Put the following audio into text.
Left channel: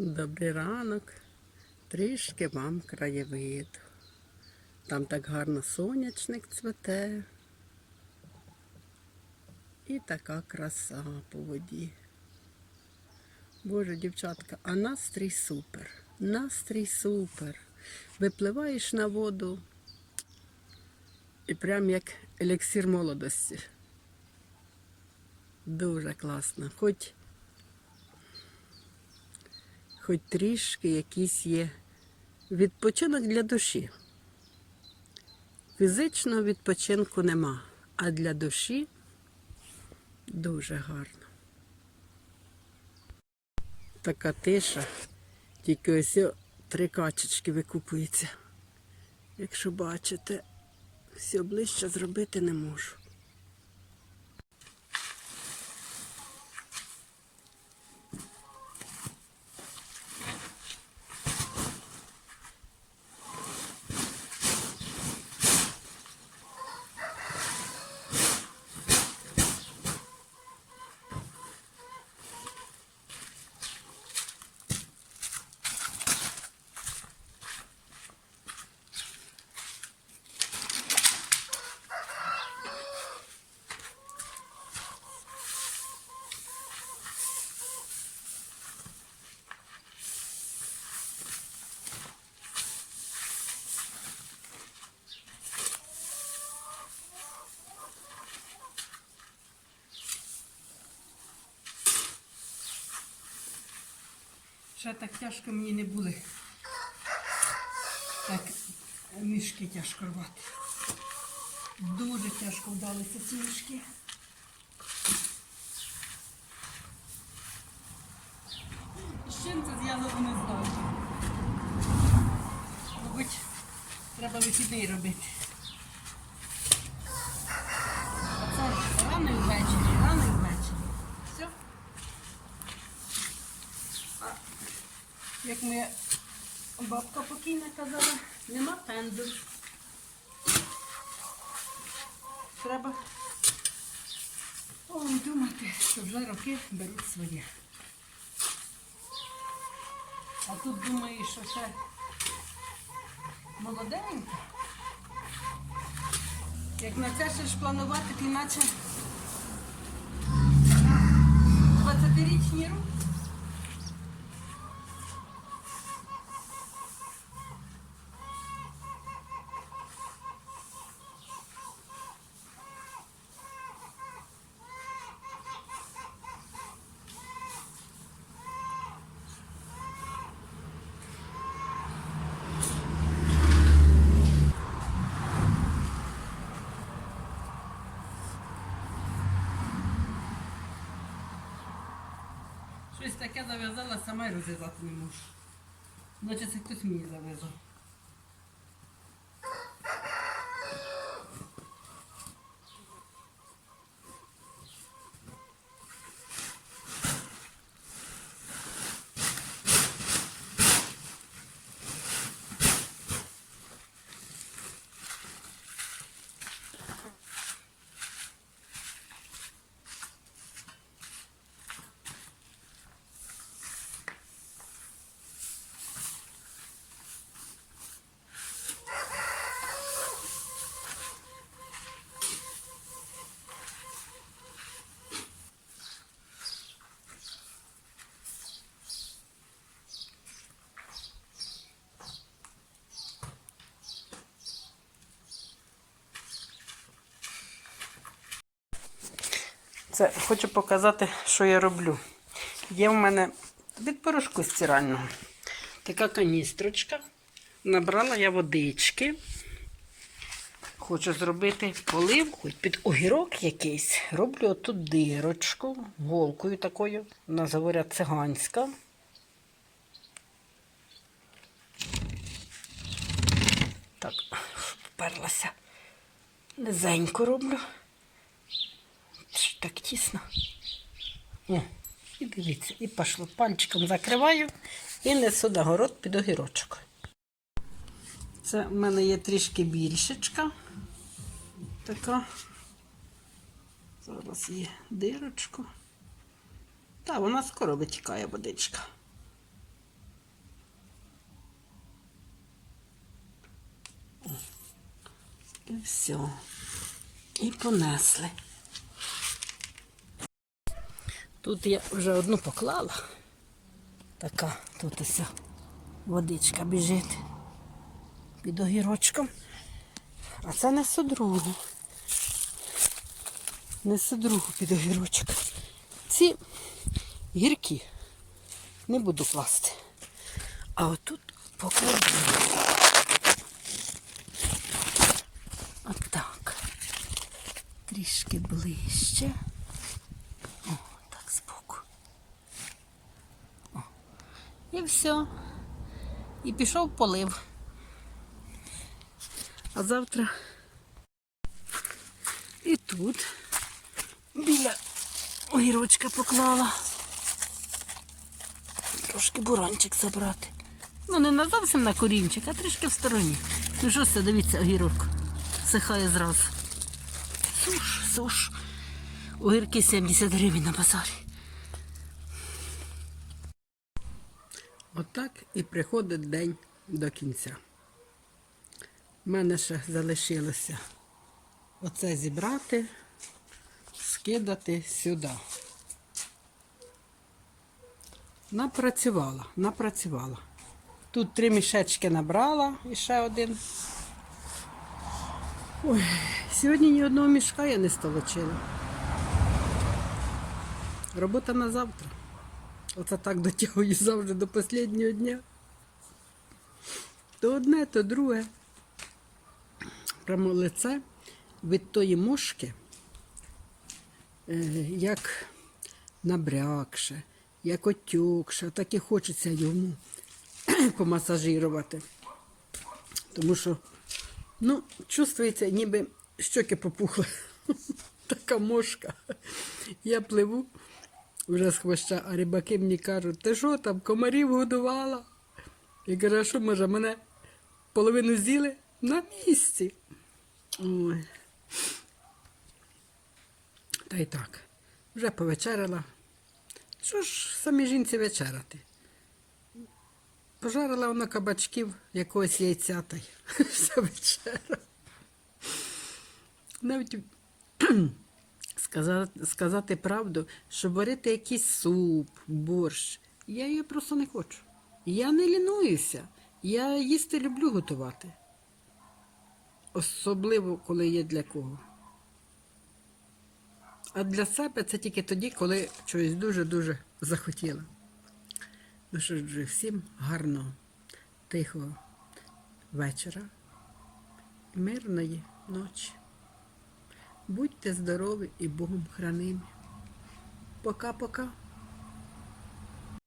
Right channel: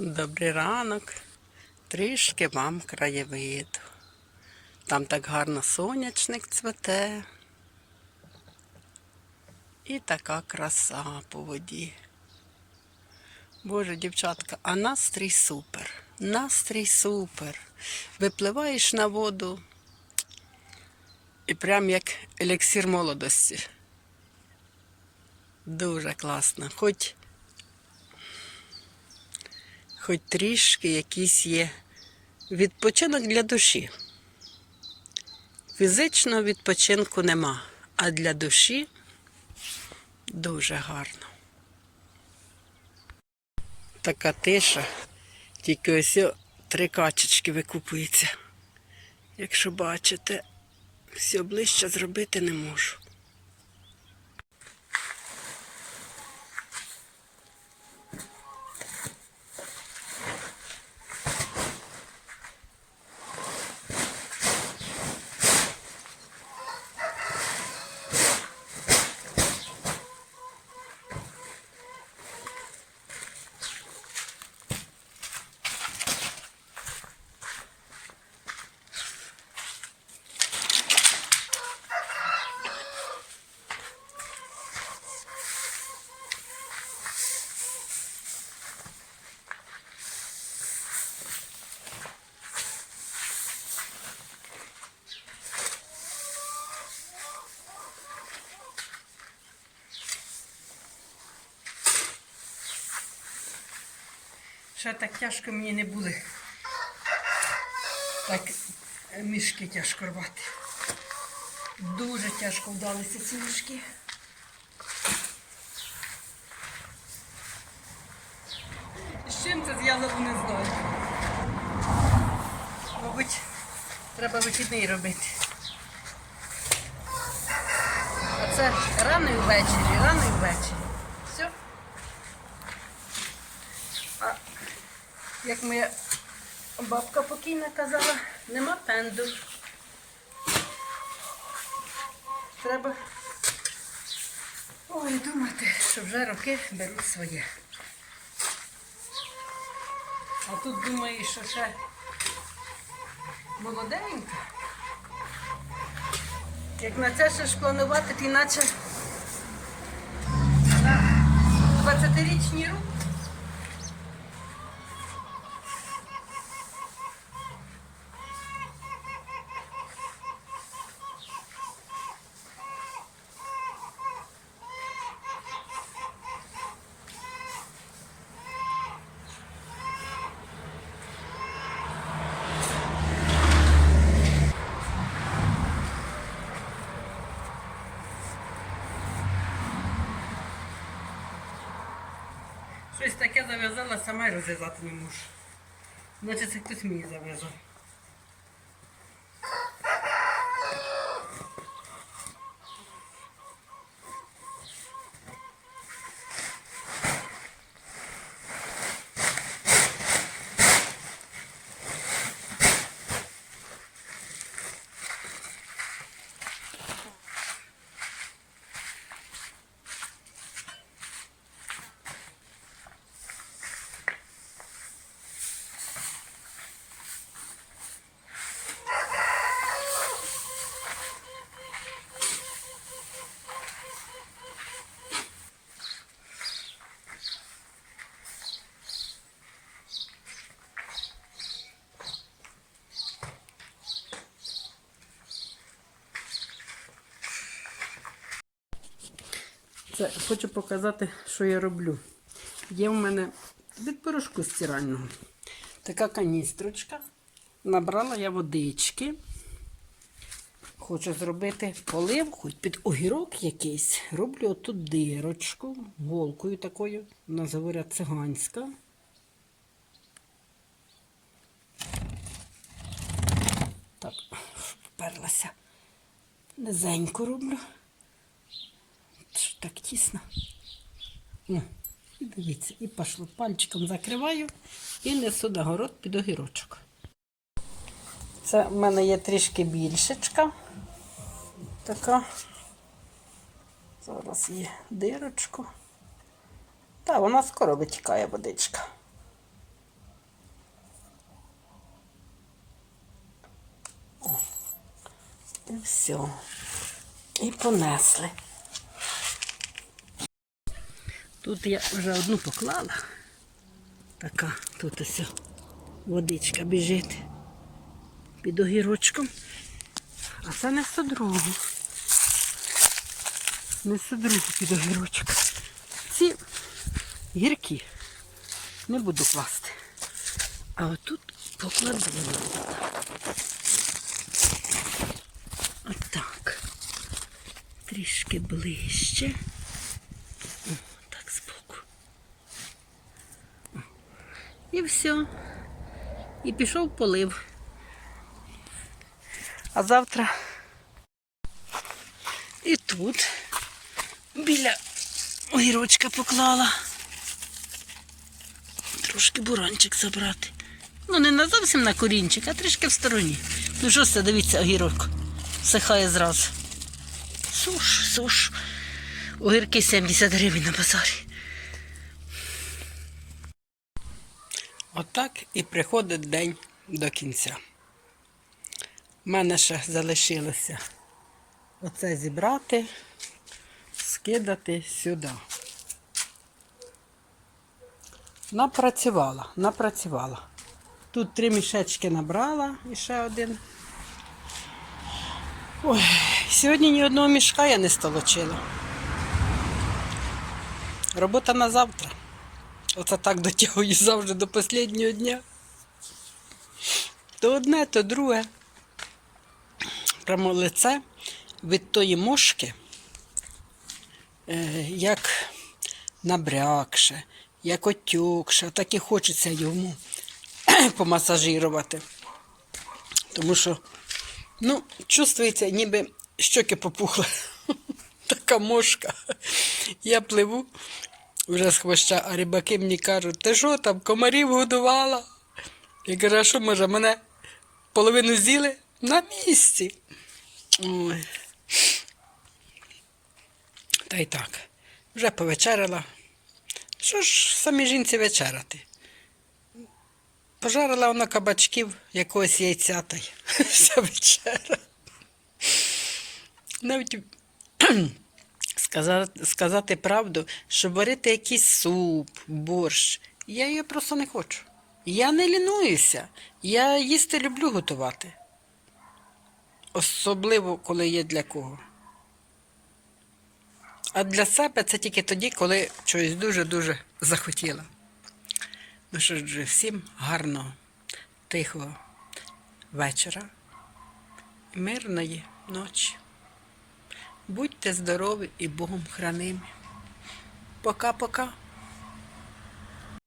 Добрий ранок. Трішки вам краєвиду. Там так гарно сонячник цвете. І така краса по воді. Боже, дівчатка, а настрій супер. Настрій супер. Випливаєш на воду і прям як еліксир молодості. Дуже класно. Хоч хоч трішки якийсь є відпочинок для душі. Фізичного відпочинку нема, а для душі дуже гарно. Така тиша, тільки ось три качечки викупуються. Якщо бачите, все ближче зробити не можу. Ще так тяжко мені не були. Так е, мішки тяжко рвати. Дуже тяжко вдалися ці мішки. З чим це зв'язано, не знаю. Мабуть, треба вихідний робити. А це рано і ввечері, рано і ввечері. Все. А як моя бабка покійна казала, нема пенду. Треба ой, думати, що вже роки беруть своє. А тут думаю, що ще молоденька. Як на це ще ж планувати, то іначе на 20-річні руки. Щось таке зав'язала, сама й розв'язати не можу. Значить, це хтось мені зав'язав. Це хочу показати, що я роблю. Є в мене від порошку стирального. Така каністрочка. Набрала я водички. Хочу зробити полив, хоч під огірок якийсь. Роблю отут дирочку, голкою такою. Нас говорять циганська. Так, вперлася. Низенько роблю. Так тісно. О, І дивіться, і пішло. Пальчиком закриваю і несу на город під огірочок. Це в мене є трішки більшечка. Така. Зараз є дирочку. Та вона скоро витікає водичка. О. І все. І понесли. Тут я вже одну поклала. Така тут ось водичка біжить під огірочком. А це несу другу. Несу другу під огірочок. Ці гіркі не буду класти. А отут покладу. Отак. Трішки ближче. О, так збоку. О. І все. І пішов полив. А завтра і тут біля огірочка поклала. Трошки буранчик забрати. Ну, не на зовсім на корінчик, а трішки в стороні. Ну що це, дивіться, огірок. Всихає зразу. Суш, суш. Огірки 70 гривень на базарі. Отак і приходить день до кінця. У мене ще залишилося оце зібрати, скидати сюди. Напрацювала, напрацювала. Тут три мішечки набрала і ще один. Ой, сьогодні ні одного мішка я не столочила. Робота на завтра. Оце так дотягую завжди до останнього дня. То одне, то друге. Прямо лице від тої мошки, е, як набрякше, як отюкше, так і хочеться йому помасажирувати. Тому що, ну, чувствується, ніби щоки попухли. Така мошка. Я пливу вже з хвоща, а рибаки мені кажуть, ти що там, комарів годувала? Я кажу, а що може, мене половину з'їли на місці. Ой. Та й так. Вже повечеряла. Що ж самі жінці вечеряти? Пожарила вона кабачків якогось яйця та й вся вечера. Навіть сказати, сказати правду, що варити якийсь суп, борщ. Я її просто не хочу. Я не лінуюся. Я їсти люблю готувати. Особливо, коли є для кого. А для себе це тільки тоді, коли щось дуже-дуже захотіла. Ну що ж, всім гарного, тихого вечора, мирної ночі. Будьте здорові і Богом хранимі. Пока-пока.